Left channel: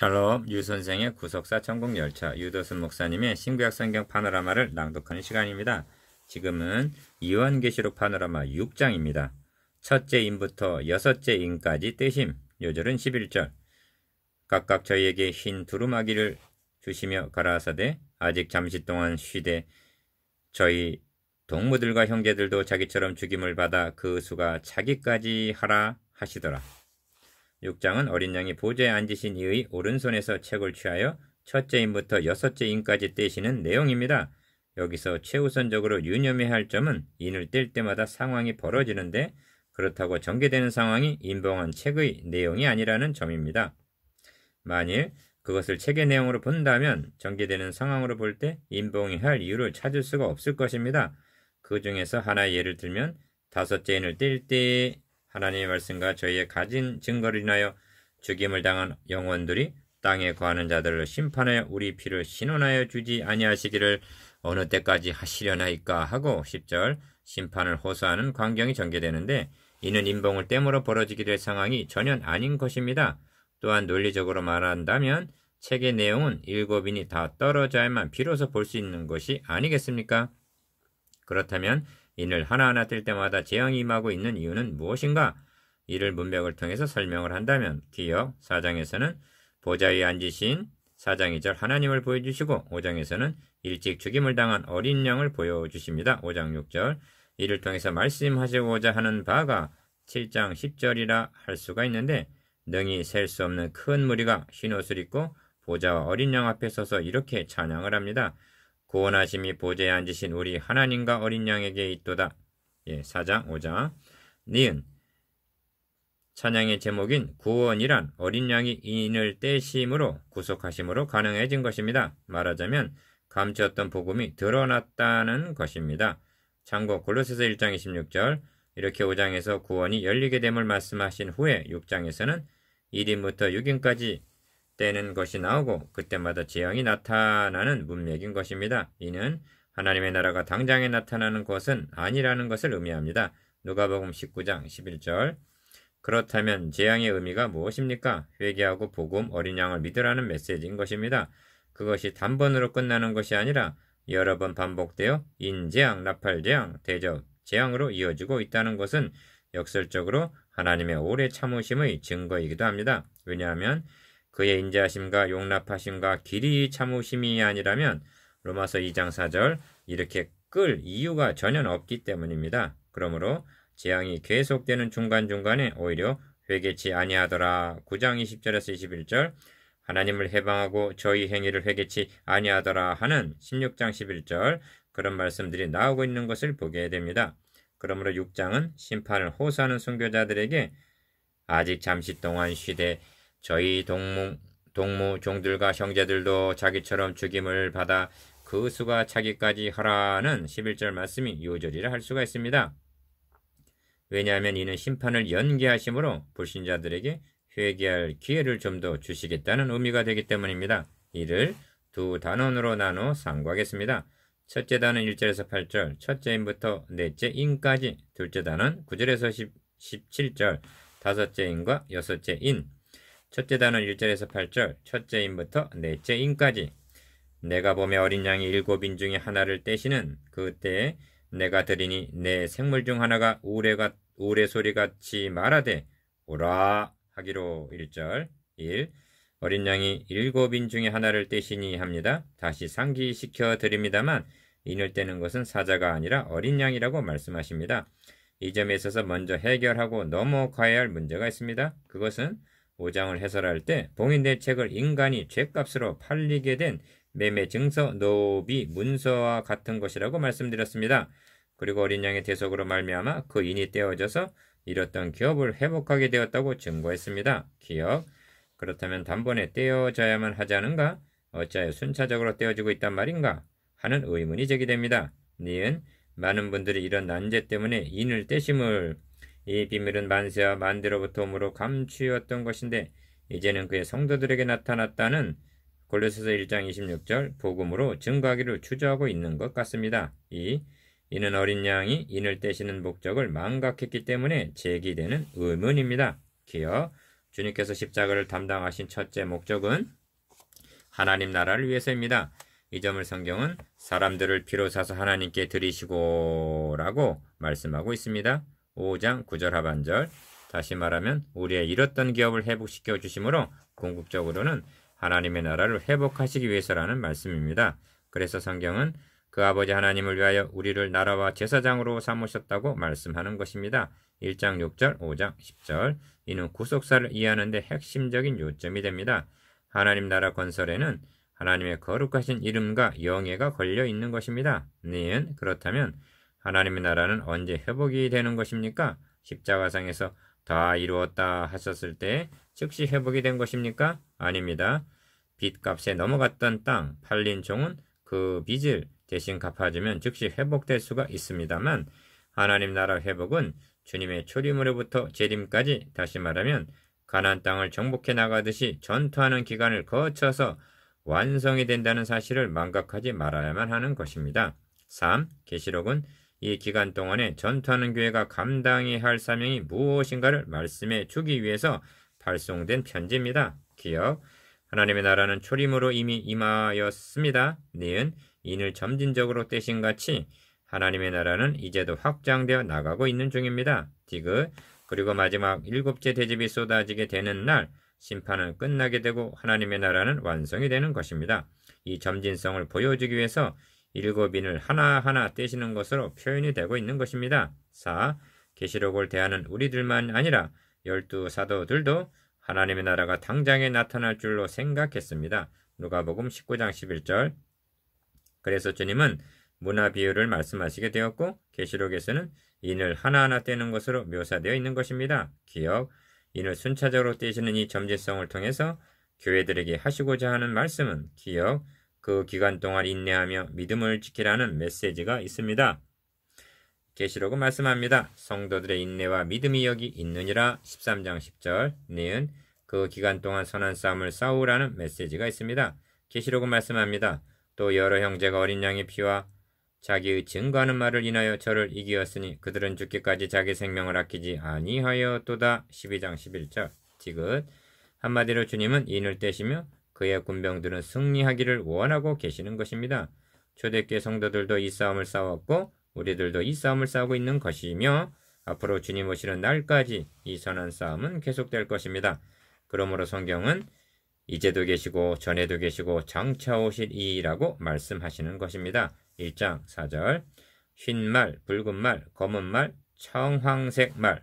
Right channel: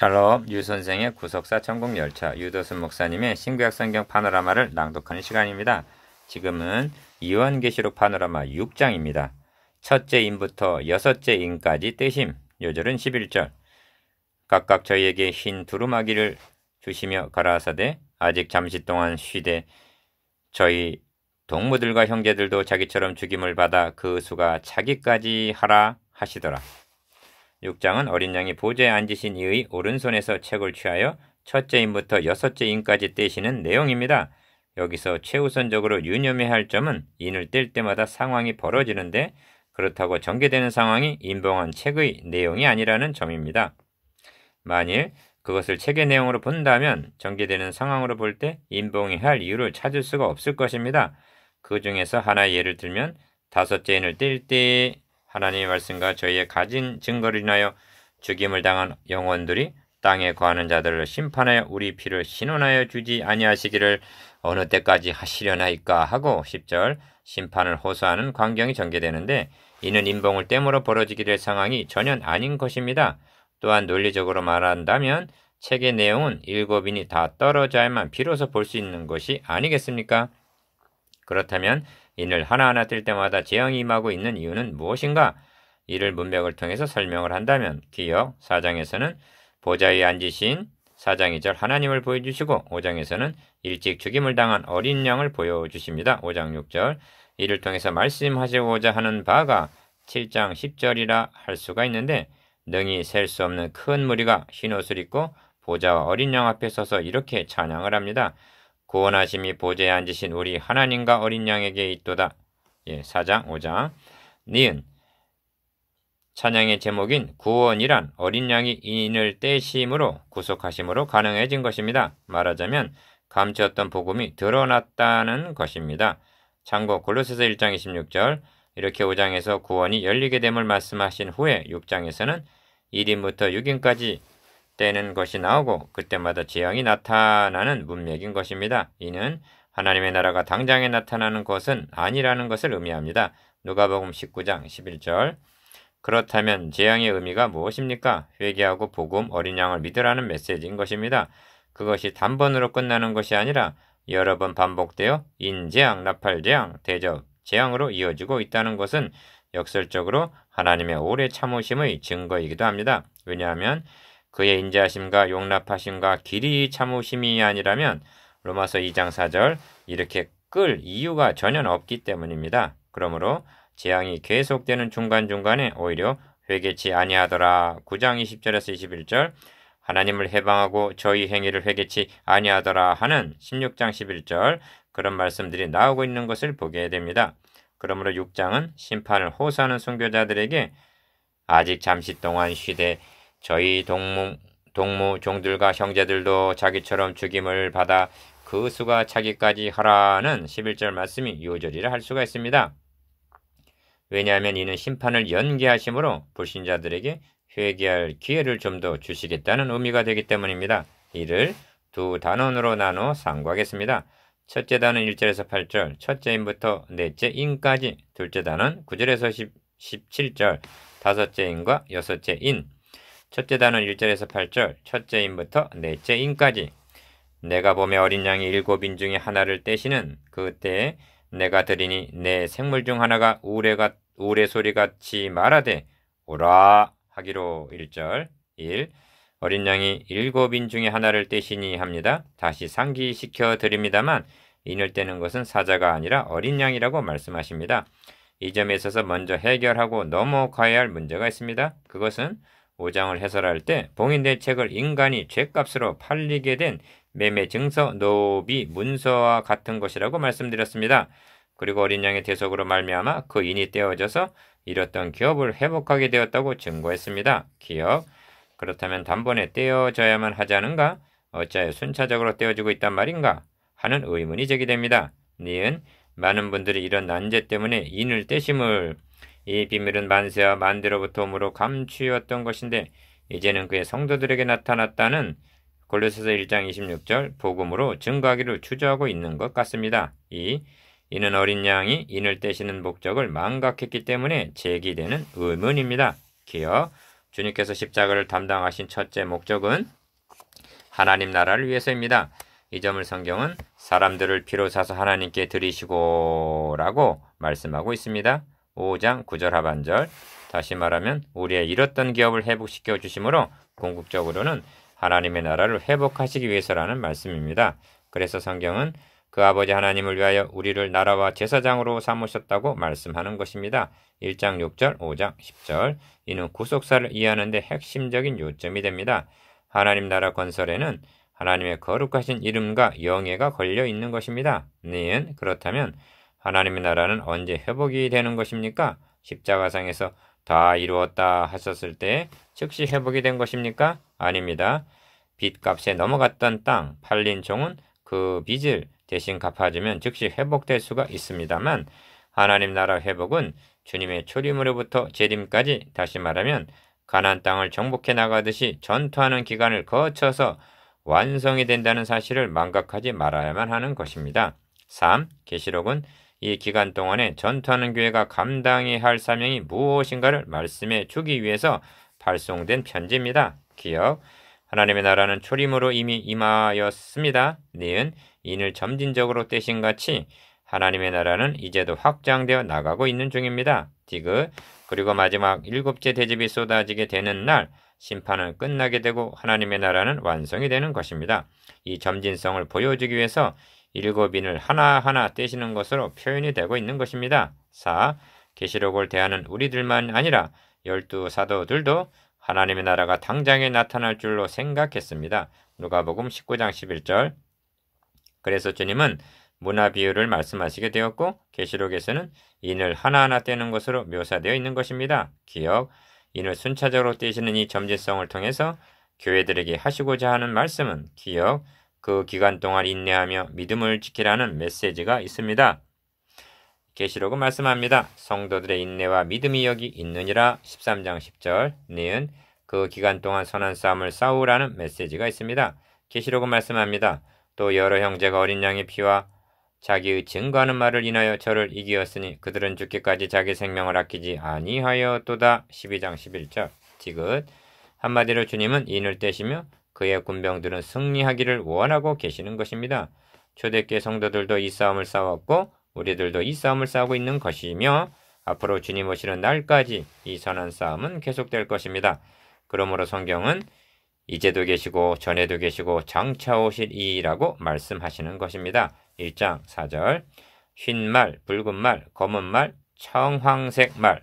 샬롬, 유 선생의 구속사 천국열차, 유도순 목사님의 신구약 성경 파노라마를 낭독하는 시간입니다. 지금은 요한계시록 파노라마 6장입니다. 첫째 인부터 여섯째 인까지 떼심. 요절은 11절. 각각 저희에게 흰 두루마기를 주시며 가라사대 아직 잠시 동안 쉬되 저희 동무들과 형제들도 자기처럼 죽임을 받아 그 수가 차기까지 하라 하시더라. 6장은 어린 양이 보좌에 앉으신 이의 오른손에서 책을 취하여 첫째 인부터 여섯째 인까지 떼시는 내용입니다. 여기서 최우선적으로 유념해야 할 점은 인을 뗄 때마다 상황이 벌어지는데 그렇다고 전개되는 상황이 인봉한 책의 내용이 아니라는 점입니다. 만일 그것을 책의 내용으로 본다면 전개되는 상황으로 볼 때 인봉해야 할 이유를 찾을 수가 없을 것입니다. 그 중에서 하나의 예를 들면 다섯째 인을 뗄 때 하나님의 말씀과 저희의 가진 증거를 인하여 죽임을 당한 영혼들이 땅에 거하는 자들을 심판하여 우리 피를 신원하여 주지 아니하시기를 어느 때까지 하시려나이까 하고 10절 심판을 호소하는 광경이 전개되는데 이는 인봉을 땜으로 벌어지게 될 상황이 전혀 아닌 것입니다. 또한 논리적으로 말한다면 책의 내용은 7인이 다 떨어져야만 비로소 볼 수 있는 것이 아니겠습니까? 그렇다면 인을 하나하나 뗄 때마다 재앙이 임하고 있는 이유는 무엇인가? 이를 문맥을 통해서 설명을 한다면 기역 4장에서는 보좌에 앉으신 4장 2절 하나님을 보여주시고 5장에서는 일찍 죽임을 당한 어린 양을 보여주십니다. 5장 6절 이를 통해서 말씀하시고자 하는 바가 7장 10절이라 할 수가 있는데 능히 셀 수 없는 큰 무리가 흰옷을 입고 보좌와 어린 양 앞에 서서 이렇게 찬양을 합니다. 구원하심이 보좌에 앉으신 우리 하나님과 어린 양에게 있도다. 4장 5장 니은 찬양의 제목인 구원이란 어린 양이 인을 떼심으로 구속하심으로 가능해진 것입니다. 말하자면 감추었던 복음이 드러났다는 것입니다. 참고 골로새서 1장 26절 이렇게 5장에서 구원이 열리게 됨을 말씀하신 후에 6장에서는 1인부터 6인까지 떼는 것이 나오고 그때마다 재앙이 나타나는 문맥인 것입니다. 이는 하나님의 나라가 당장에 나타나는 것은 아니라는 것을 의미합니다. 누가복음 19장 11절 그렇다면 재앙의 의미가 무엇입니까? 회개하고 복음 어린 양을 믿으라는 메시지인 것입니다. 그것이 단번으로 끝나는 것이 아니라 여러 번 반복되어 인재앙, 나팔재앙, 대접, 재앙으로 이어지고 있다는 것은 역설적으로 하나님의 오래 참으심의 증거이기도 합니다. 왜냐하면 그의 인자하심과 용납하심과 길이 참으심이 아니라면 로마서 2장 4절 이렇게 끌 이유가 전혀 없기 때문입니다. 그러므로 재앙이 계속되는 중간중간에 오히려 회개치 아니하더라. 9장 20절에서 21절 하나님을 해방하고 저희 행위를 회개치 아니하더라 하는 16장 11절 그런 말씀들이 나오고 있는 것을 보게 됩니다. 그러므로 6장은 심판을 호소하는 순교자들에게 아직 잠시 동안 쉬되 저희 동무 종들과 형제들도 자기처럼 죽임을 받아 그 수가 차기까지 하라는 11절 말씀이 요절이라 할 수가 있습니다. 왜냐하면 이는 심판을 연기하심으로 불신자들에게 회개할 기회를 좀 더 주시겠다는 의미가 되기 때문입니다. 이를 두 단원으로 나눠 상고하겠습니다. 첫째 단원 1절에서 8절, 첫째 인부터 넷째 인까지, 둘째 단원 9절에서 17절, 다섯째 인과 여섯째 인. 첫째 단원 1절에서 8절, 첫째 인부터 넷째 인까지. 내가 보며 어린 양이 7인 중에 하나를 떼시는 그때에 내가 들으니 내 생물 중 하나가 우레소리같이 말하되 오라 하기로 1절 1. 어린 양이 7인 중에 하나를 떼시니 합니다. 다시 상기시켜 드립니다만 인을 떼는 것은 사자가 아니라 어린 양이라고 말씀하십니다. 이 점에 있어서 먼저 해결하고 넘어가야 할 문제가 있습니다. 그것은 5장을 해설할 때 봉인된 책을 인간이 죗값으로 팔리게 된 매매 증서, 노비, 문서와 같은 것이라고 말씀드렸습니다. 그리고 어린 양의 대속으로 말미암아 그 인이 떼어져서 잃었던 기업을 회복하게 되었다고 증거했습니다. 기업. 그렇다면 단번에 떼어져야만 하지 않은가? 어찌하여 순차적으로 떼어지고 있단 말인가? 하는 의문이 제기됩니다. 니은 많은 분들이 이런 난제 때문에 인을 떼심을 이 비밀은 만세와 만대로부터 오므로 감추었던 것인데 이제는 그의 성도들에게 나타났다는 골로새서 1장 26절 복음으로 증거하기를 주저하고 있는 것 같습니다. 이는 어린 양이 인을 떼시는 목적을 망각했기 때문에 제기되는 의문입니다. 기억 주님께서 십자가를 담당하신 첫째 목적은 하나님 나라를 위해서입니다. 이 점을 성경은 사람들을 피로 사서 하나님께 드리시고 라고 말씀하고 있습니다. 5장 9절 하반절. 다시 말하면 우리의 잃었던 기업을 회복시켜 주심으로 궁극적으로는 하나님의 나라를 회복하시기 위해서라는 말씀입니다. 그래서 성경은 그 아버지 하나님을 위하여 우리를 나라와 제사장으로 삼으셨다고 말씀하는 것입니다. 1장 6절, 5장 10절. 이는 구속사를 이해하는 데 핵심적인 요점이 됩니다. 하나님 나라 건설에는 하나님의 거룩하신 이름과 영예가 걸려 있는 것입니다. 니은 그렇다면 하나님의 나라는 언제 회복이 되는 것입니까? 십자가상에서 다 이루었다 하셨을 때 즉시 회복이 된 것입니까? 아닙니다. 빚값에 넘어갔던 땅, 팔린 종은 그 빚을 대신 갚아주면 즉시 회복될 수가 있습니다만 하나님 나라 회복은 주님의 초림으로부터 재림까지, 다시 말하면 가나안 땅을 정복해 나가듯이 전투하는 기간을 거쳐서 완성이 된다는 사실을 망각하지 말아야만 하는 것입니다. 3. 계시록은 이 기간 동안에 전투하는 교회가 감당해야 할 사명이 무엇인가를 말씀해 주기 위해서 발송된 편지입니다. 기억, 하나님의 나라는 초림으로 이미 임하였습니다. 니은 인을 점진적으로 떼신 같이 하나님의 나라는 이제도 확장되어 나가고 있는 중입니다. 디귿, 그리고 마지막 일곱째 대접이 쏟아지게 되는 날 심판은 끝나게 되고 하나님의 나라는 완성이 되는 것입니다. 이 점진성을 보여주기 위해서 일곱 인을 하나하나 떼시는 것으로 표현이 되고 있는 것입니다. 4. 계시록을 대하는 우리들만 아니라 12 사도들도 하나님의 나라가 당장에 나타날 줄로 생각했습니다. 누가복음 19장 11절. 그래서 주님은 문화 비유를 말씀하시게 되었고 계시록에서는 인을 하나하나 떼는 것으로 묘사되어 있는 것입니다. 기억, 인을 순차적으로 떼시는 이 점진성을 통해서 교회들에게 하시고자 하는 말씀은 기억, 그 기간 동안 인내하며 믿음을 지키라는 메시지가 있습니다. 계시록은 말씀합니다. 성도들의 인내와 믿음이 여기 있느니라. 13장 10절. 니은 그 기간 동안 선한 싸움을 싸우라는 메시지가 있습니다. 계시록은 말씀합니다. 또 여러 형제가 어린 양의 피와 자기의 증거하는 말을 인하여 저를 이기었으니 그들은 죽기까지 자기 생명을 아끼지 아니하였도다. 12장 11절. 디귿, 한마디로 주님은 인을 떼시며 그의 군병들은 승리하기를 원하고 계시는 것입니다. 초대교회 성도들도 이 싸움을 싸웠고 우리들도 이 싸움을 싸우고 있는 것이며 앞으로 주님 오시는 날까지 이 선한 싸움은 계속될 것입니다. 그러므로 성경은 이제도 계시고 전에도 계시고 장차 오실 이라고 말씀하시는 것입니다. 1장 4절. 흰 말, 붉은 말, 검은 말, 청황색 말.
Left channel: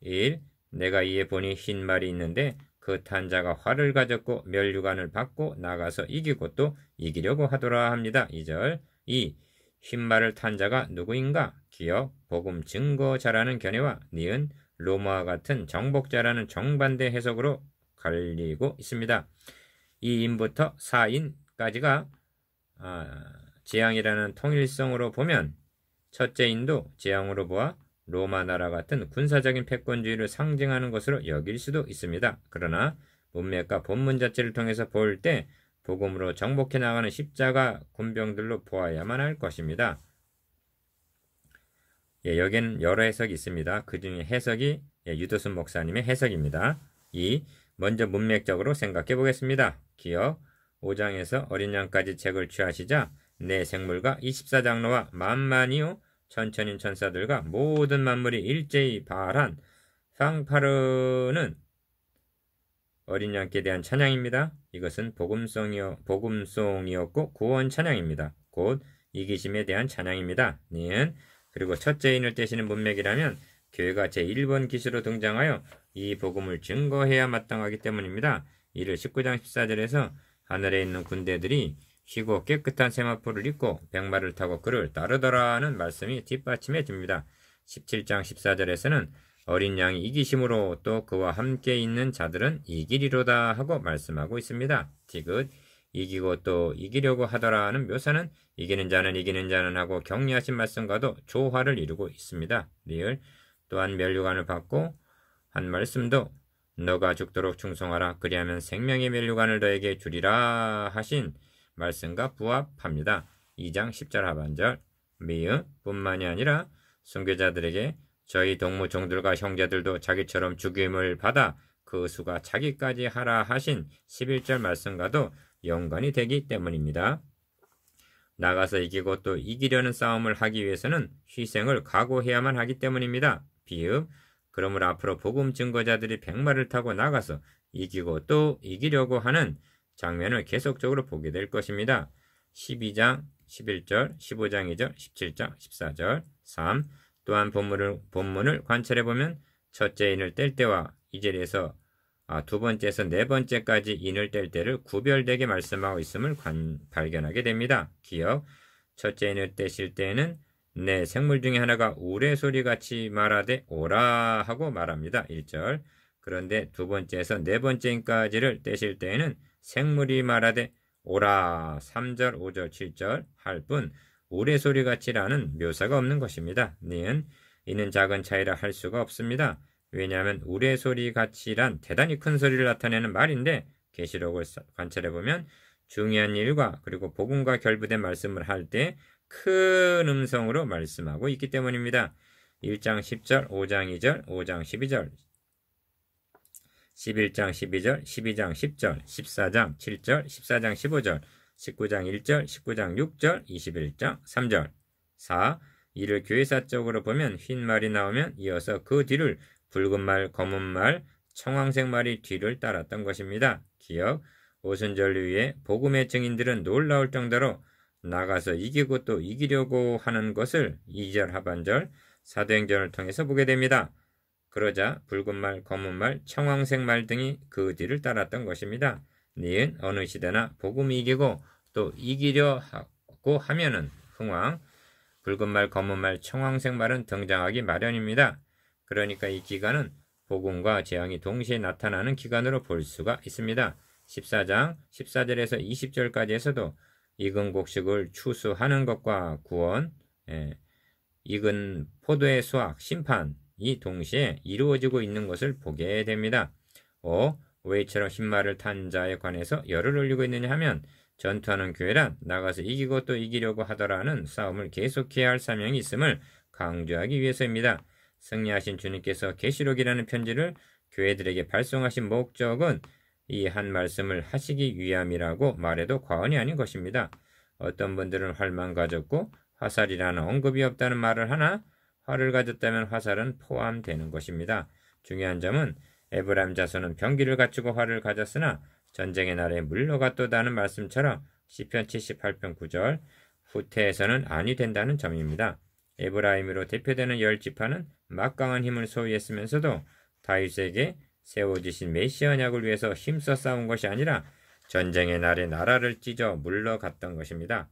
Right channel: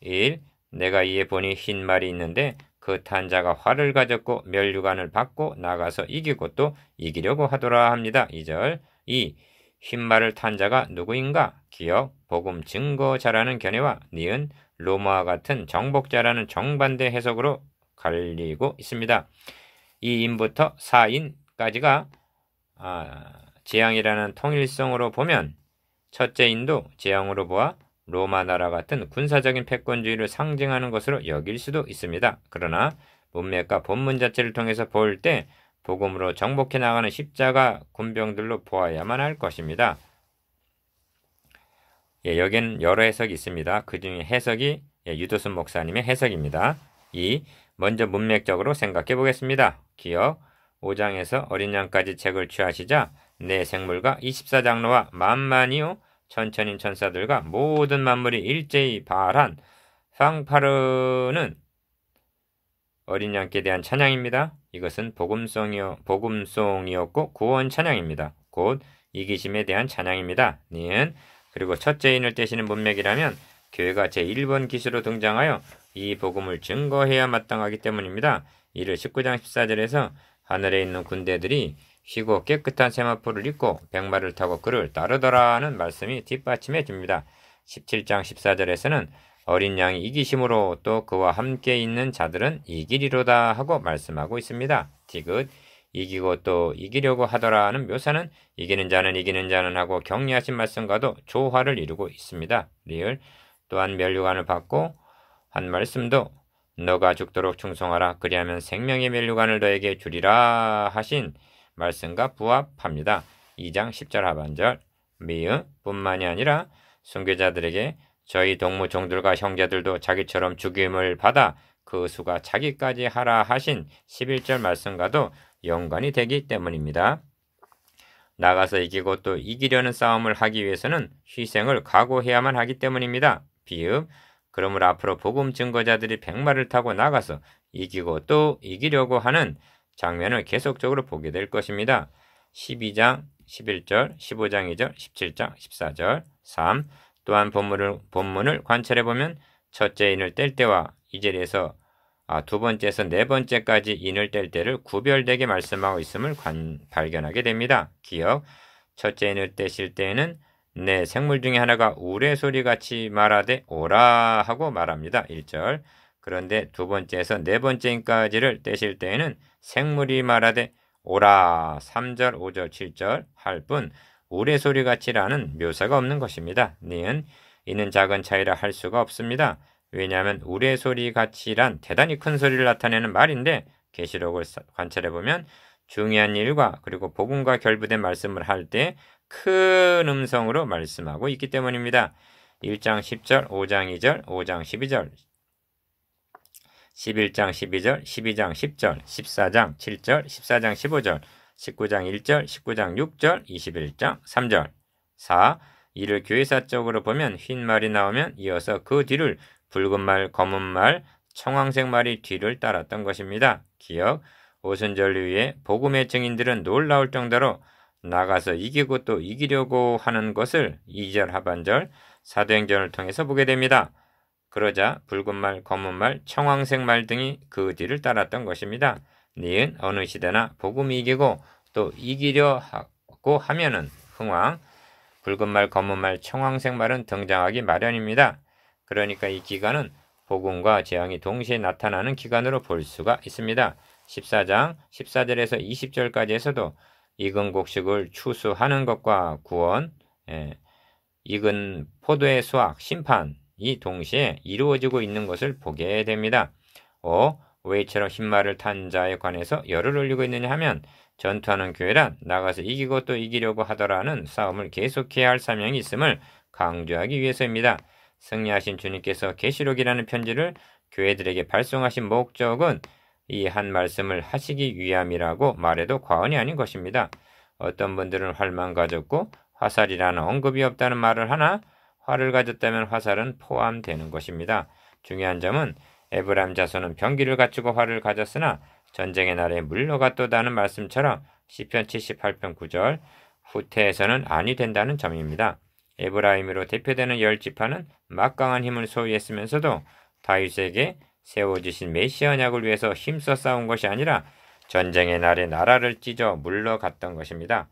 1. 내가 이에 보니 흰 말이 있는데 그 탄자가 활을 가졌고 면류관을 받고 나가서 이기고 또 이기려고 하더라 합니다. 2절. 2. 흰 말을 탄 자가 누구인가? 기억, 복음 증거자라는 견해와 니은 로마와 같은 정복자라는 정반대 해석으로 갈리고 있습니다. 2인부터 4인까지가 재앙이라는 통일성으로 보면 첫째 인도 재앙으로 보아 로마 나라 같은 군사적인 패권주의를 상징하는 것으로 여길 수도 있습니다. 그러나 문맥과 본문 자체를 통해서 볼 때 복음으로 정복해 나가는 십자가 군병들로 보아야만 할 것입니다. 여기는 여러 해석이 있습니다. 그 중에 해석이 유도순 목사님의 해석입니다. 2. 먼저 문맥적으로 생각해 보겠습니다. 기억, 5장에서 어린 양까지 책을 취하시자 내 생물과 24장로와 만만이요 천천인 천사들과 모든 만물이 일제히 발한 팡파르는 어린 양께 대한 찬양입니다. 이것은 복음송이었고 구원 찬양입니다. 곧 이기심에 대한 찬양입니다. 니은 그리고 첫째 인을 떼시는 문맥이라면 교회가 제1번 기수로 등장하여 이 복음을 증거해야 마땅하기 때문입니다. 이를 19장 14절에서 하늘에 있는 군대들이 쉬고 깨끗한 세마포를 입고 백마를 타고 그를 따르더라는 말씀이 뒷받침해 줍니다. 17장 14절에서는 어린 양이 이기심으로 또 그와 함께 있는 자들은 이기리로다 하고 말씀하고 있습니다. 디귿, 이기고 또 이기려고 하더라는 묘사는 이기는 자는 하고 격려하신 말씀과도 조화를 이루고 있습니다. 리을, 또한 면류관을 받고 한 말씀도 너가 죽도록 충성하라 그리하면 생명의 면류관을 너에게 주리라 하신 말씀과 부합합니다. 2장 10절 하반절. 미음 뿐만이 아니라 순교자들에게 저희 동무 종들과 형제들도 자기처럼 죽임을 받아 그 수가 자기까지 하라 하신 11절 말씀과도 연관이 되기 때문입니다. 나가서 이기고 또 이기려는 싸움을 하기 위해서는 희생을 각오해야만 하기 때문입니다. 비읍. 그러므로 앞으로 복음 증거자들이 백마를 타고 나가서 이기고 또 이기려고 하는 장면을 계속적으로 보게 될 것입니다. 12장 11절, 15장 2절, 17장 14절, 3. 또한 본문을 관찰해 보면 첫째 인을 뗄 때와 이 절에서 두 번째에서 네 번째까지 인을 뗄 때를 구별되게 말씀하고 있음을 발견하게 됩니다. 기억. 첫째 인을 떼실 때에는 내 생물 중에 하나가 우레소리같이 말하되 오라 하고 말합니다. 1절. 그런데 두 번째에서 네 번째 인까지를 떼실 때에는 생물이 말하되 오라 3절, 5절, 7절 할 뿐 우레소리같이라는 묘사가 없는 것입니다. 니은 이는 작은 차이라 할 수가 없습니다. 왜냐하면 우레소리같이란 대단히 큰 소리를 나타내는 말인데 계시록을 관찰해보면 중요한 일과 그리고 복음과 결부된 말씀을 할 때 큰 음성으로 말씀하고 있기 때문입니다. 1장 10절, 5장 2절, 5장 12절, 11장 12절, 12장 10절, 14장 7절, 14장 15절, 19장 1절, 19장 6절, 21장 3절. 4. 이를 교회사적으로 보면 흰 말이 나오면 이어서 그 뒤를 붉은 말, 검은 말, 청황색 말이 뒤를 따랐던 것입니다. 기억. 오순절 위에 복음의 증인들은 놀라울 정도로 나가서 이기고 또 이기려고 하는 것을 2절 하반절 사도행전을 통해서 보게 됩니다. 그러자 붉은 말, 검은 말, 청황색 말 등이 그 뒤를 따랐던 것입니다. 니은 어느 시대나 복음이 이기고 또 이기려 하고 하면은 흥왕, 붉은 말, 검은 말, 청황색 말은 등장하기 마련입니다. 그러니까 이 기간은 복음과 재앙이 동시에 나타나는 기간으로 볼 수가 있습니다. 14장 14절에서 20절까지에서도 익은 곡식을 추수하는 것과 구원, 익은 포도의 수확, 심판이 동시에 이루어지고 있는 것을 보게 됩니다. 5. 왜 이처럼 흰말을 탄 자에 관해서 열을 올리고 있느냐 하면 전투하는 교회란 나가서 이기고 또 이기려고 하더라는 싸움을 계속해야 할 사명이 있음을 강조하기 위해서입니다. 승리하신 주님께서 계시록이라는 편지를 교회들에게 발송하신 목적은 이 한 말씀을 하시기 위함이라고 말해도 과언이 아닌 것입니다. 어떤 분들은 활만 가졌고 화살이라는 언급이 없다는 말을 하나 활을 가졌다면 화살은 포함되는 것입니다. 중요한 점은 에브라임 자손은 병기를 갖추고 활을 가졌으나 전쟁의 날에 물러갔도다는 말씀처럼 시편 78편 9절 후퇴에서는 아니 된다는 점입니다. 에브라임으로 대표되는 10지파는 막강한 힘을 소유했으면서도 다윗에게 세워지신 메시아 언약을 위해서 힘써 싸운 것이 아니라 전쟁의 날에 나라를 찢어 물러갔던 것입니다.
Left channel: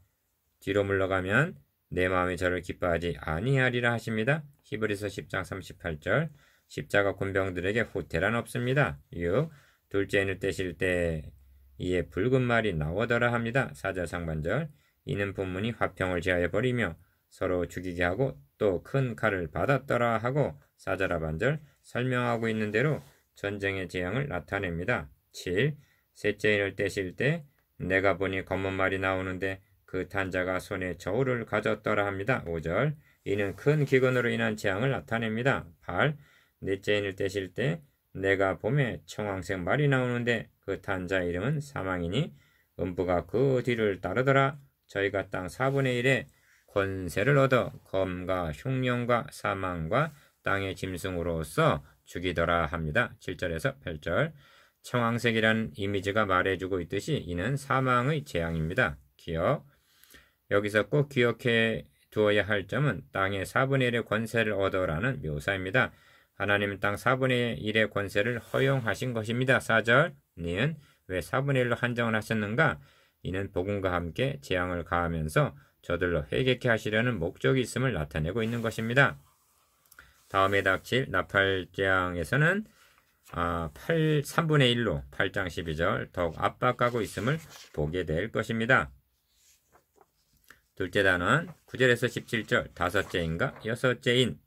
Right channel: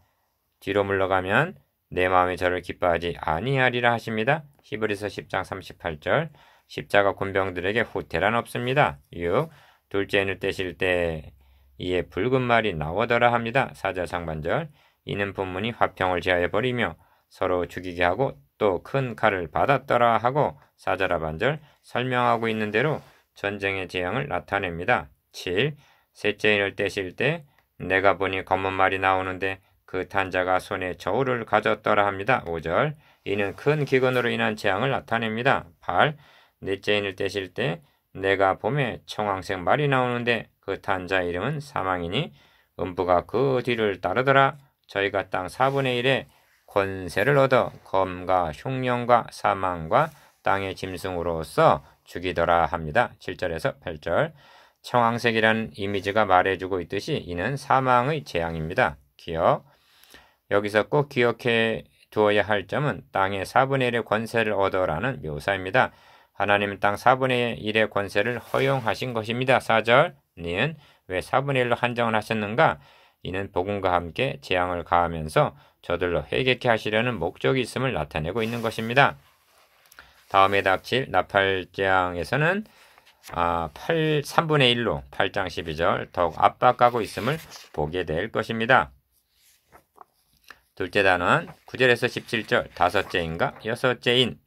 뒤로 물러가면 내 마음이 저를 기뻐하지 아니하리라 하십니다. 히브리서 10장 38절 십자가 군병들에게 후퇴란 없습니다. 6. 둘째 인을 떼실 때 이에 붉은 말이 나오더라 합니다. 4절 상반절 이는 본문이 화평을 제하여 버리며 서로 죽이게 하고 또 큰 칼을 받았더라 하고 4절 하반절 설명하고 있는 대로 전쟁의 재앙을 나타냅니다. 7. 셋째 인을 떼실 때 내가 보니 검은 말이 나오는데 그 탄자가 손에 저울을 가졌더라 합니다. 5절 이는 큰 기근으로 인한 재앙을 나타냅니다. 8. 넷째 인을 떼실 때 내가 봄에 청황색 말이 나오는데 그 탄자 이름은 사망이니 음부가 그 뒤를 따르더라. 저희가 땅 4분의 1의 권세를 얻어 검과 흉령과 사망과 땅의 짐승으로서 죽이더라 합니다. 7절에서 8절 청황색이라는 이미지가 말해주고 있듯이 이는 사망의 재앙입니다. 기억. 여기서 꼭 기억해 두어야 할 점은 땅의 4분의 1의 권세를 얻어라는 묘사입니다. 하나님은 땅 4분의 1의 권세를 허용하신 것입니다. 4절 니은 왜 4분의 1로 한정을 하셨는가? 이는 복음과 함께 재앙을 가하면서 저들로 회개케 하시려는 목적이 있음을 나타내고 있는 것입니다. 다음에 닥칠 나팔재앙에서는 3분의 1로 8장 12절 더욱 압박하고 있음을 보게 될 것입니다. 둘째 단원 9절에서 17절 다섯째인가 여섯째인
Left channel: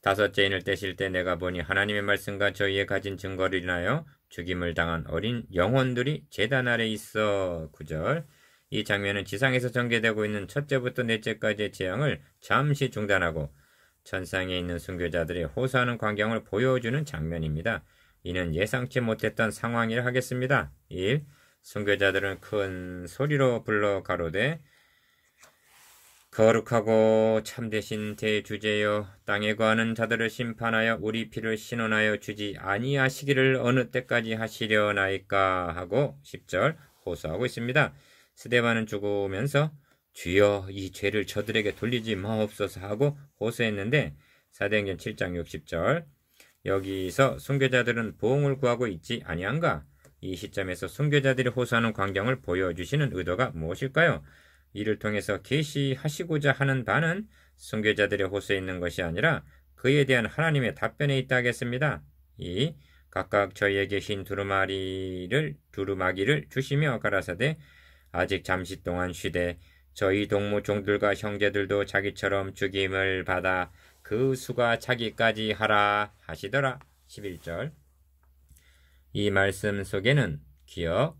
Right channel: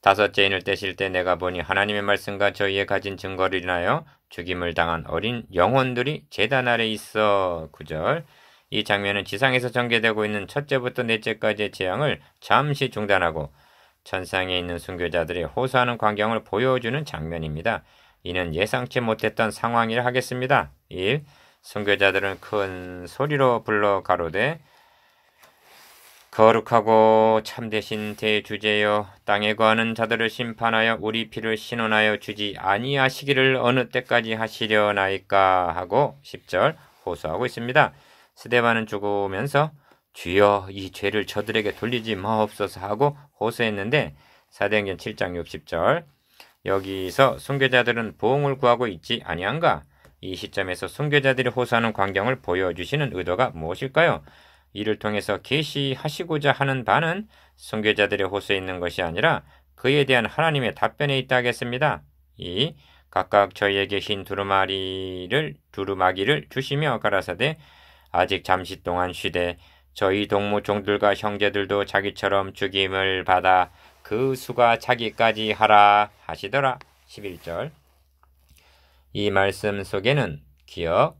다섯째인을 떼실 때 내가 보니 하나님의 말씀과 저희의 가진 증거를 인하여 죽임을 당한 어린 영혼들이 제단 아래 있어. 9절 이 장면은 지상에서 전개되고 있는 첫째부터 넷째까지의 재앙을 잠시 중단하고 천상에 있는 순교자들이 호소하는 광경을 보여주는 장면입니다. 이는 예상치 못했던 상황이라 하겠습니다. 1. 순교자들은 큰 소리로 불러 가로되 거룩하고 참되신 대주제여, 땅에 거하는 자들을 심판하여 우리 피를 신원하여 주지 아니하시기를 어느 때까지 하시려나이까 하고 10절 호소하고 있습니다. 스데반은 죽으면서 주여 이 죄를 저들에게 돌리지 마옵소서 하고 호소했는데 사도행전 7장 60절 여기서 순교자들은 보응을 구하고 있지 아니한가? 이 시점에서 순교자들이 호소하는 광경을 보여주시는 의도가 무엇일까요? 이를 통해서 계시하시고자 하는 바는 순교자들의 호소에 있는 것이 아니라 그에 대한 하나님의 답변에 있다 하겠습니다. 이 각각 저희에게 흰 두루마기를 주시며 가라사대 아직 잠시 동안 쉬되 저희 동무 종들과 형제들도 자기처럼 죽임을 받아 그 수가 차기까지 하라 하시더라. 11절 이 말씀 속에는 기억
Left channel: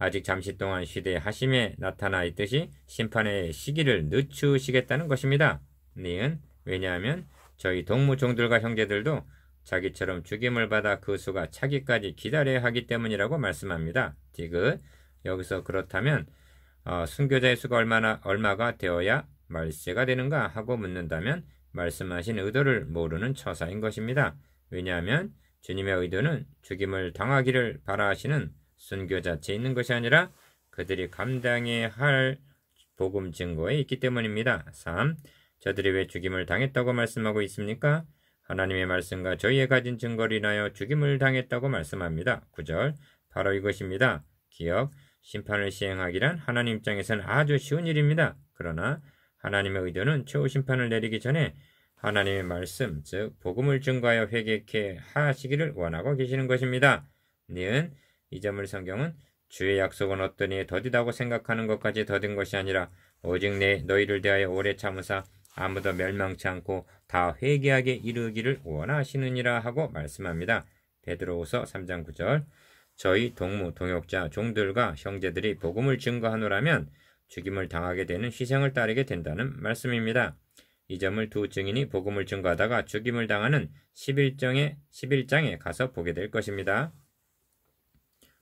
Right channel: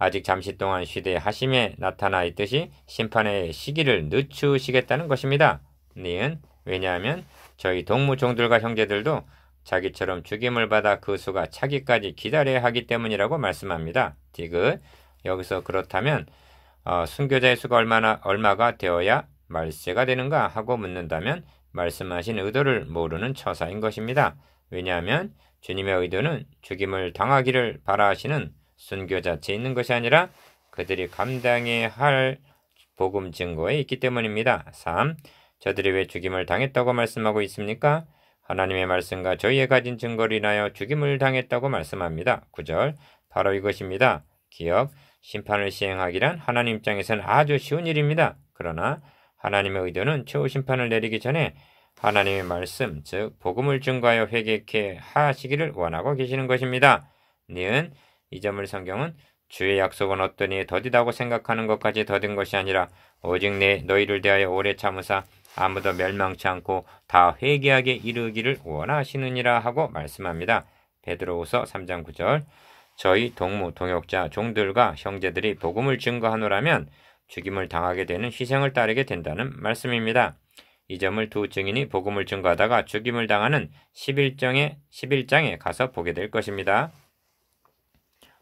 아직 잠시 동안 쉬되 하심에 나타나 있듯이 심판의 시기를 늦추시겠다는 것입니다. 니은 왜냐하면 저희 동무종들과 형제들도 자기처럼 죽임을 받아 그 수가 차기까지 기다려야 하기 때문이라고 말씀합니다. 디귿 여기서 그렇다면 순교자의 수가 얼마가 되어야 말세가 되는가 하고 묻는다면 말씀하신 의도를 모르는 처사인 것입니다. 왜냐하면 주님의 의도는 죽임을 당하기를 바라시는 순교 자체에 있는 것이 아니라 그들이 감당해야 할 복음 증거에 있기 때문입니다. 3. 저들이 왜 죽임을 당했다고 말씀하고 있습니까? 하나님의 말씀과 저희의 가진 증거를 인하여 죽임을 당했다고 말씀합니다. 9절 바로 이것입니다. 기억 심판을 시행하기란 하나님 입장에서는 아주 쉬운 일입니다. 그러나 하나님의 의도는 최후 심판을 내리기 전에 하나님의 말씀, 즉 복음을 증거하여 회개케 하시기를 원하고 계시는 것입니다. 니은 이 점을 성경은 주의 약속은 어떠니 더디다고 생각하는 것까지 더딘 것이 아니라 오직 너희를 대하여 오래 참으사 아무도 멸망치 않고 다 회개하게 이르기를 원하시느니라 하고 말씀합니다. 베드로후서 3장 9절 저희 동무, 동역자, 종들과 형제들이 복음을 증거하노라면 죽임을 당하게 되는 희생을 따르게 된다는 말씀입니다. 이 점을 두 증인이 복음을 증거하다가 죽임을 당하는 11장에 가서 보게 될 것입니다.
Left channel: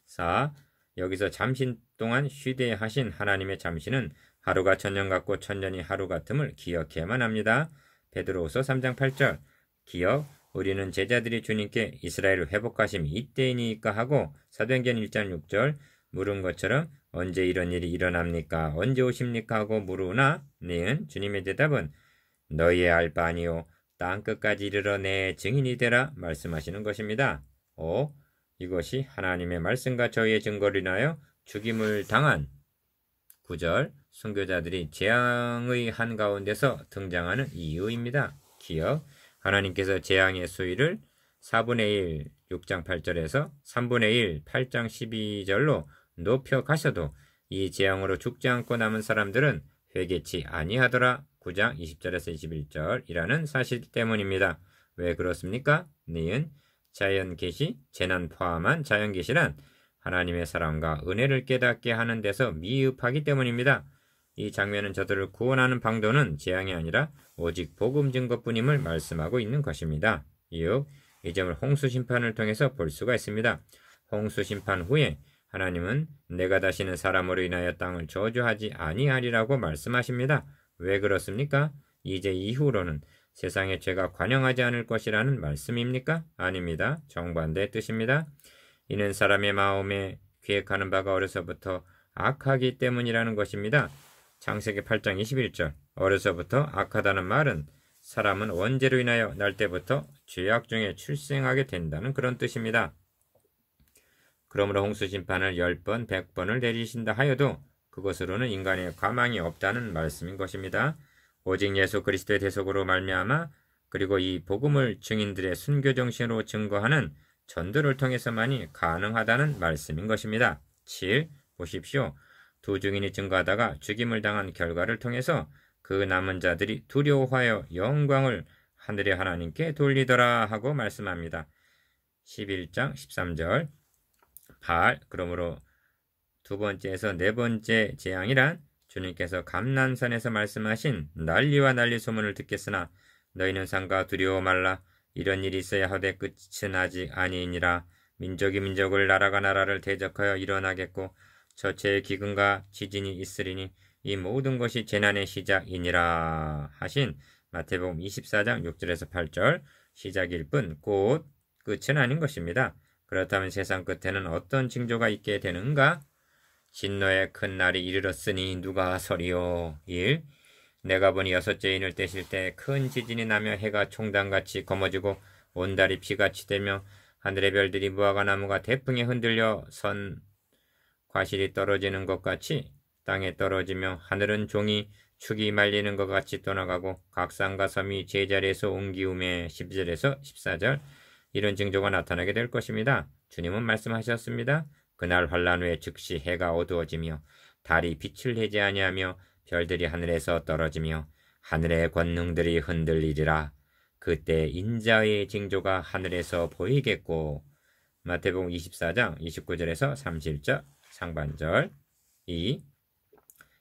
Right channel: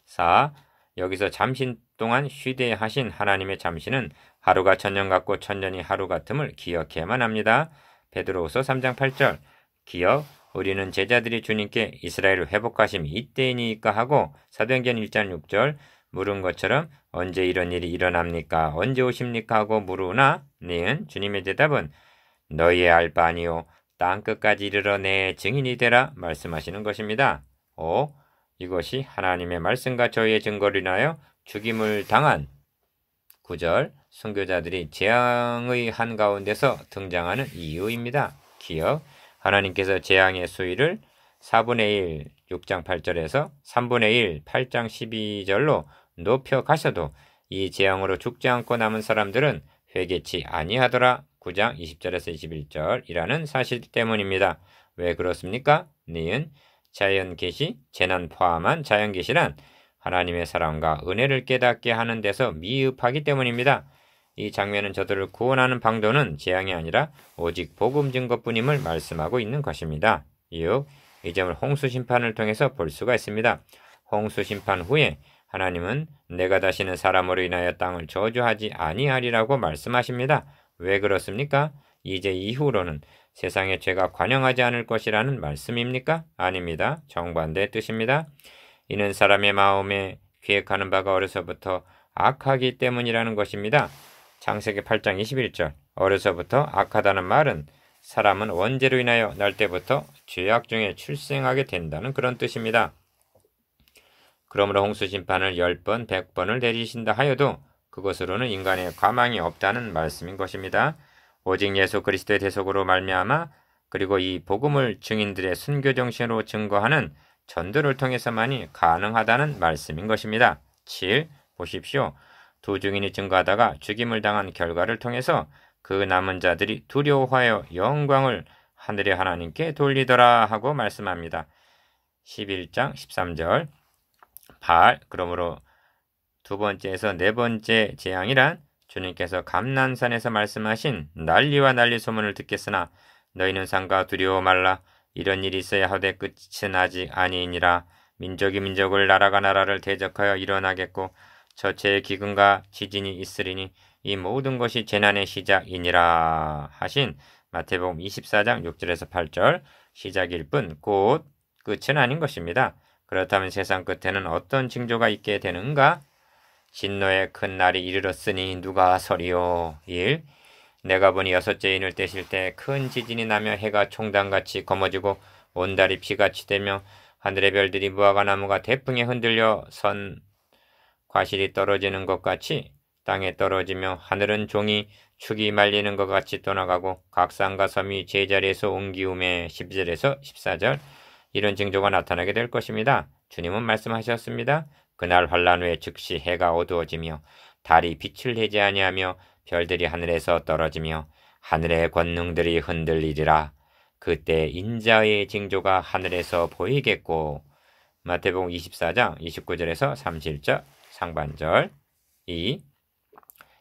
4. 여기서 잠시 동안 쉬되 하신 하나님의 잠시는 하루가 천년 같고 천년이 하루 같음을 기억해야만 합니다. 베드로후서 3장 8절 기억 우리는 제자들이 주님께 이스라엘을 회복하심이 이때이니까 하고 사도행전 1장 6절 물은 것처럼 언제 이런 일이 일어납니까? 언제 오십니까? 하고 물으나 니은 주님의 대답은 너희의 알 바 아니요 땅끝까지 이르러 내 증인이 되라 말씀하시는 것입니다. 5. 이것이 하나님의 말씀과 저희의 증거를 인하여 죽임을 당한 9절 순교자들이 재앙의 한가운데서 등장하는 이유입니다. 기억 하나님께서 재앙의 수위를 4분의 1 6장 8절에서 3분의 1 8장 12절로 높여 가셔도 이 재앙으로 죽지 않고 남은 사람들은 회개치 아니하더라 9장 20절에서 21절이라는 사실 때문입니다. 왜 그렇습니까? 니은 자연계시, 재난 포함한 자연계시란 하나님의 사랑과 은혜를 깨닫게 하는 데서 미흡하기 때문입니다. 이 장면은 저들을 구원하는 방도는 재앙이 아니라 오직 복음 증거뿐임을 말씀하고 있는 것입니다. 이후 이 점을 홍수 심판을 통해서 볼 수가 있습니다. 홍수 심판 후에 하나님은 내가 다시는 사람으로 인하여 땅을 저주하지 아니하리라고 말씀하십니다. 왜 그렇습니까? 이제 이후로는 세상의 죄가 관영하지 않을 것이라는 말씀입니까? 아닙니다. 정반대의 뜻입니다. 이는 사람의 마음에 기획하는 바가 어려서부터 악하기 때문이라는 것입니다. 창세기 8장 21절 어려서부터 악하다는 말은 사람은 원죄로 인하여 날 때부터 죄악 중에 출생하게 된다는 그런 뜻입니다. 그러므로 홍수 심판을 10번, 100번을 내리신다 하여도 그것으로는 인간의 가망이 없다는 말씀인 것입니다. 오직 예수 그리스도의 대속으로 말미암아 그리고 이 복음을 증인들의 순교 정신으로 증거하는 전도를 통해서만이 가능하다는 말씀인 것입니다. 7. 보십시오. 두 증인이 증거하다가 죽임을 당한 결과를 통해서 그 남은 자들이 두려워하여 영광을 하늘의 하나님께 돌리더라 하고 말씀합니다. 11장 13절 8. 그러므로 두 번째에서 네 번째 재앙이란 주님께서 감난산에서 말씀하신 난리와 난리 소문을 듣겠으나 너희는 상가 두려워 말라. 이런 일이 있어야 하되 끝은 아직 아니니라. 민족이 민족을 나라가 나라를 대적하여 일어나겠고 저체의 기근과 지진이 있으리니 이 모든 것이 재난의 시작이니라 하신 마태복음 24장 6절에서 8절 시작일 뿐 곧 끝은 아닌 것입니다. 그렇다면 세상 끝에는 어떤 징조가 있게 되는가? 진노의 큰 날이 이르렀으니 누가 서리요. 1. 내가 보니 여섯째 인을 떼실 때 큰 지진이 나며 해가 총단같이 검어지고 온 달이 피같이 되며 하늘의 별들이 무화과 나무가 태풍에 흔들려 선 과실이 떨어지는 것 같이 땅에 떨어지며 하늘은 종이 축이 말리는 것 같이 떠나가고 각 산과 섬이 제자리에서 옮기움에 12절에서 14절 이런 징조가 나타나게 될 것입니다. 주님은 말씀하셨습니다. 그날 환란 후에 즉시 해가 어두워지며 달이 빛을 내지 아니하며 별들이 하늘에서 떨어지며 하늘의 권능들이 흔들리리라. 그때 인자의 징조가 하늘에서 보이겠고 마태복음 24장 29절에서 31절 상반절 2.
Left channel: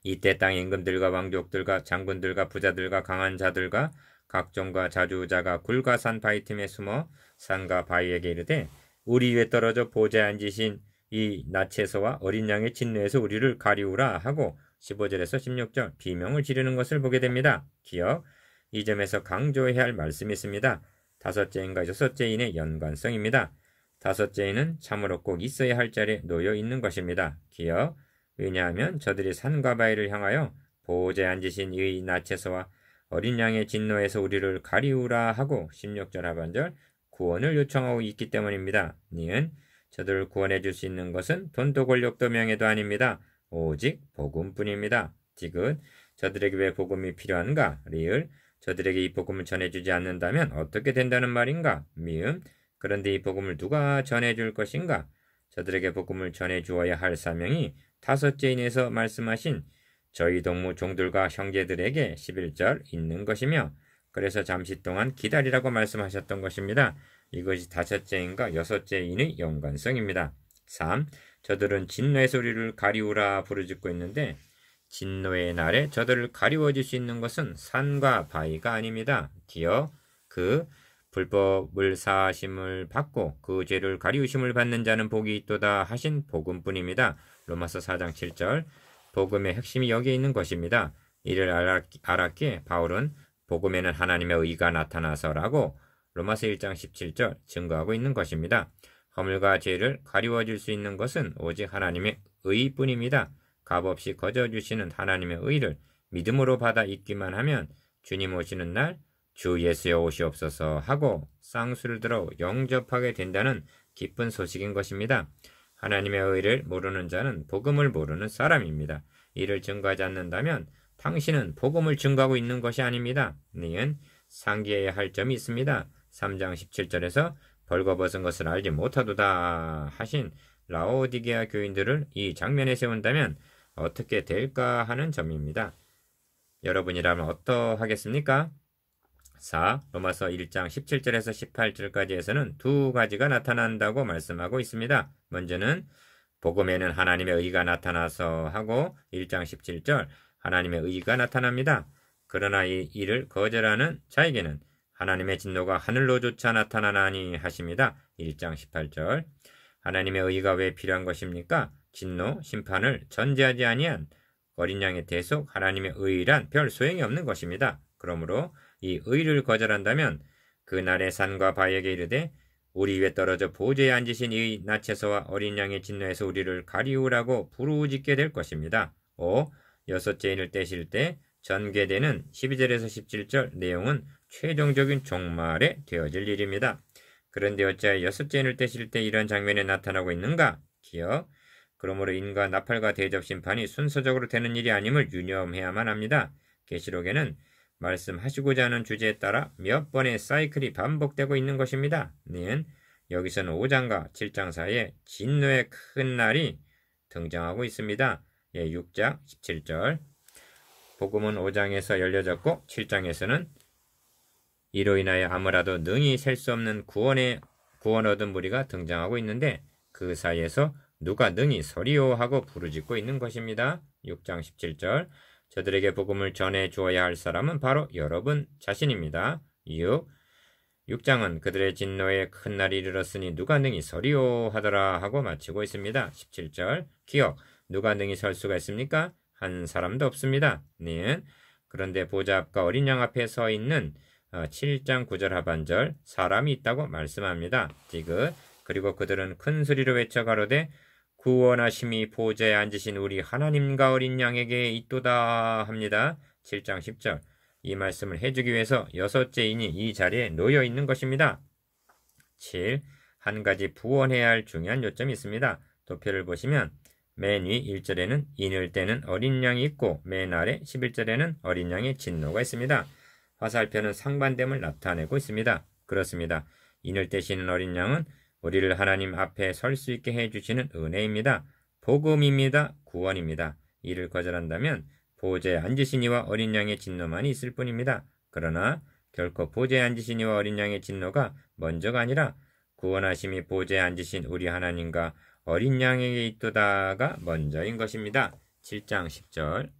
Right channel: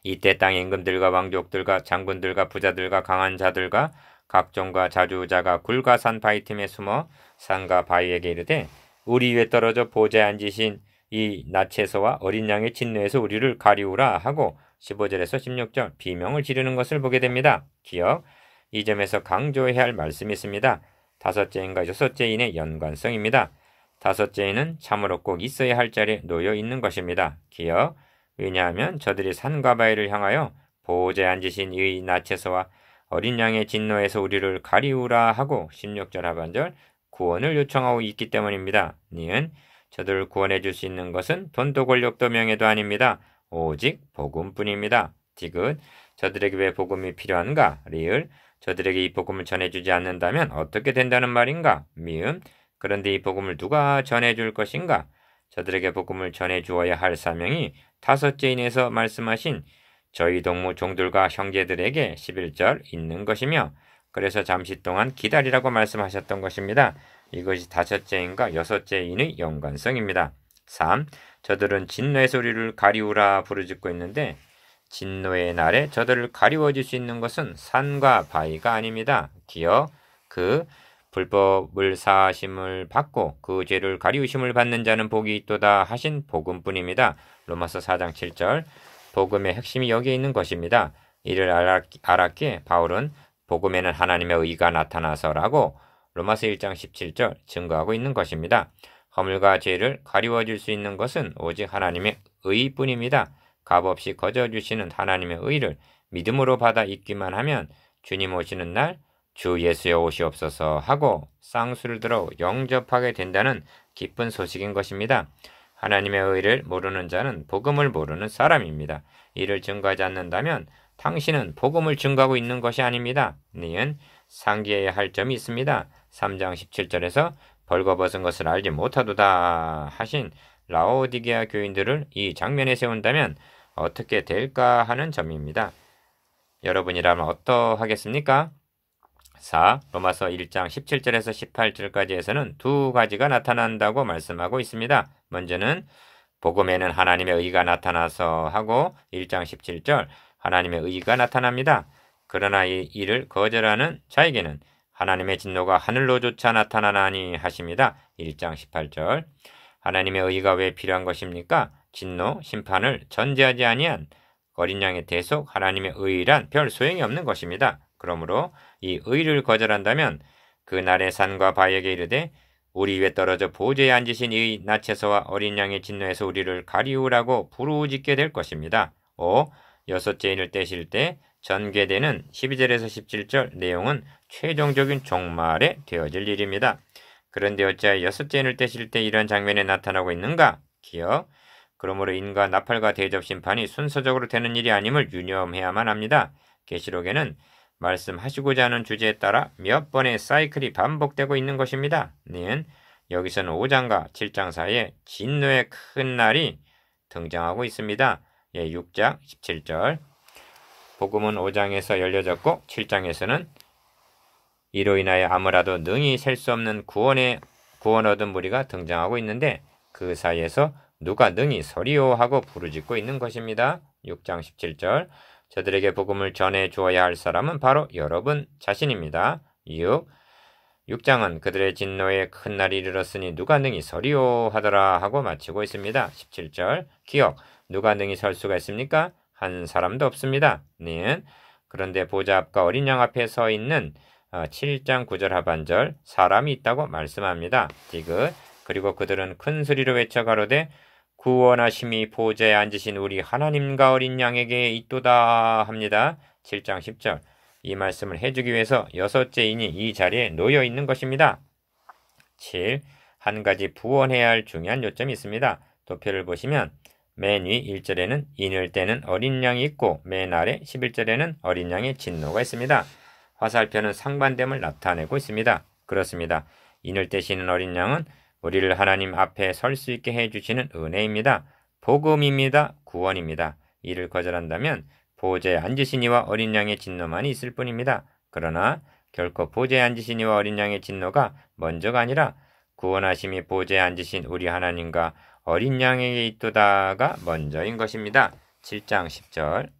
이때 땅의 임금들과 왕족들과 장군들과 부자들과 강한 자들과 각종과 자주자가 굴과 산 바위 틈에 숨어 산과 바위에게 이르되 우리 위에 떨어져 보좌에 앉으신 이 나체서와 어린 양의 진노에서 우리를 가리우라 하고 15절에서 16절 비명을 지르는 것을 보게 됩니다. 기억, 이 점에서 강조해야 할 말씀이 있습니다. 다섯째 인과 여섯째 인의 연관성입니다. 다섯째 인은 참으로 꼭 있어야 할 자리에 놓여 있는 것입니다. 기억, 왜냐하면 저들이 산과 바위를 향하여 보호자에 앉으신 이 나체서와 어린 양의 진노에서 우리를 가리우라 하고 16절 하반절 구원을 요청하고 있기 때문입니다. 니은 저들을 구원해 줄 수 있는 것은 돈도 권력도 명예도 아닙니다. 오직 복음뿐입니다. 디귿 저들에게 왜 복음이 필요한가? 리을 저들에게 이 복음을 전해주지 않는다면 어떻게 된다는 말인가? 미음 그런데 이 복음을 누가 전해줄 것인가? 저들에게 복음을 전해주어야 할 사명이 다섯째 인에서 말씀하신 저희 동무 종들과 형제들에게 11절 있는 것이며 그래서 잠시 동안 기다리라고 말씀하셨던 것입니다. 이것이 다섯째 인과 여섯째 인의 연관성입니다. 3. 저들은 진노의 소리를 가리우라 부르짖고 있는데 진노의 날에 저들을 가리워줄 수 있는 것은 산과 바위가 아닙니다. 기어 그 불법을 사하심을 받고 그 죄를 가리우심을 받는 자는 복이 있도다 하신 복음뿐입니다. 로마서 4장 7절 복음의 핵심이 여기에 있는 것입니다. 이를 알았기에 바울은 복음에는 하나님의 의가 나타나서라고 로마서 1장 17절 증거하고 있는 것입니다. 허물과 죄를 가리워줄 수 있는 것은 오직 하나님의 의뿐입니다. 값없이 거저주시는 하나님의 의를 믿음으로 받아 있기만 하면 주님 오시는 날 주 예수여 오시옵소서 하고 쌍수를 들어 영접하게 된다는 기쁜 소식인 것입니다. 하나님의 의를 모르는 자는 복음을 모르는 사람입니다. 이를 증거하지 않는다면 당신은 복음을 증거하고 있는 것이 아닙니다. 니은 상기해야 할 점이 있습니다. 3장 17절에서 벌거벗은 것을 알지 못하도다 하신 라오디게아 교인들을 이 장면에 세운다면 어떻게 될까 하는 점입니다. 여러분이라면 어떠하겠습니까? 4. 로마서 1장 17절에서 18절까지에서는 두 가지가 나타난다고 말씀하고 있습니다. 먼저는 복음에는 하나님의 의가 나타나서 하고 1장 17절 하나님의 의가 나타납니다. 그러나 이 일을 거절하는 자에게는 하나님의 진노가 하늘로조차 나타나나니 하십니다. 1장 18절 하나님의 의가 왜 필요한 것입니까? 진노, 심판을 전제하지 아니한 어린 양의 대속 하나님의 의란 별 소용이 없는 것입니다. 그러므로 이 의를 거절한다면 그날의 산과 바위에게 이르되 우리 위에 떨어져 보좌에 앉으신 이 나체서와 어린 양의 진노에서 우리를 가리우라고 부르짖게 될 것입니다. 5. 여섯째 인을 떼실 때 전개되는 12절에서 17절 내용은 최종적인 종말에 되어질 일입니다. 그런데 어찌하여 여섯째 인을 떼실 때 이런 장면에 나타나고 있는가? 기억. 그러므로 인과 나팔과 대접 심판이 순서적으로 되는 일이 아님을 유념해야만 합니다. 계시록에는 말씀하시고자 하는 주제에 따라 몇 번의 사이클이 반복되고 있는 것입니다. 니은 여기서는 5장과 7장 사이에 진노의 큰 날이 등장하고 있습니다. 6장 17절 복음은 5장에서 열려졌고 7장에서는 이로 인하여 아무라도 능히 셀 수 없는 구원 얻은 무리가 등장하고 있는데 그 사이에서 누가 능히 서리오 하고 부르짖고 있는 것입니다. 6장 17절 저들에게 복음을 전해 주어야 할 사람은 바로 여러분 자신입니다. 6. 6장은 그들의 진노에 큰 날이 이르렀으니 누가 능히 서리오 하더라 하고 마치고 있습니다. 17절 기억 누가 능히 설 수가 있습니까? 한 사람도 없습니다. 는 그런데 보좌 앞과 어린 양 앞에 서 있는 7장 9절 하반절 사람이 있다고 말씀합니다. 디귿 그리고 그들은 큰 소리로 외쳐 가로되 구원하심이 보좌에 앉으신 우리 하나님과 어린 양에게 있도다 합니다. 7장 10절 이 말씀을 해주기 위해서 6째인이 이 자리에 놓여 있는 것입니다. 7. 한 가지 부원해야 할 중요한 요점이 있습니다. 도표를 보시면 맨 위 1절에는 인을 떼는 어린 양이 있고 맨 아래 11절에는 어린 양의 진노가 있습니다. 화살표는 상반됨을 나타내고 있습니다. 그렇습니다. 인을 떼시는 어린 양은 우리를 하나님 앞에 설 수 있게 해주시는 은혜입니다. 복음입니다. 구원입니다. 이를 거절한다면 보좌에 앉으신 이와 어린 양의 진노만이 있을 뿐입니다. 그러나 결코 보좌에 앉으신 이와 어린 양의 진노가 먼저가 아니라 구원하심이 보좌에 앉으신 우리 하나님과 어린 양에게 있도다가 먼저인 것입니다. 7장 10절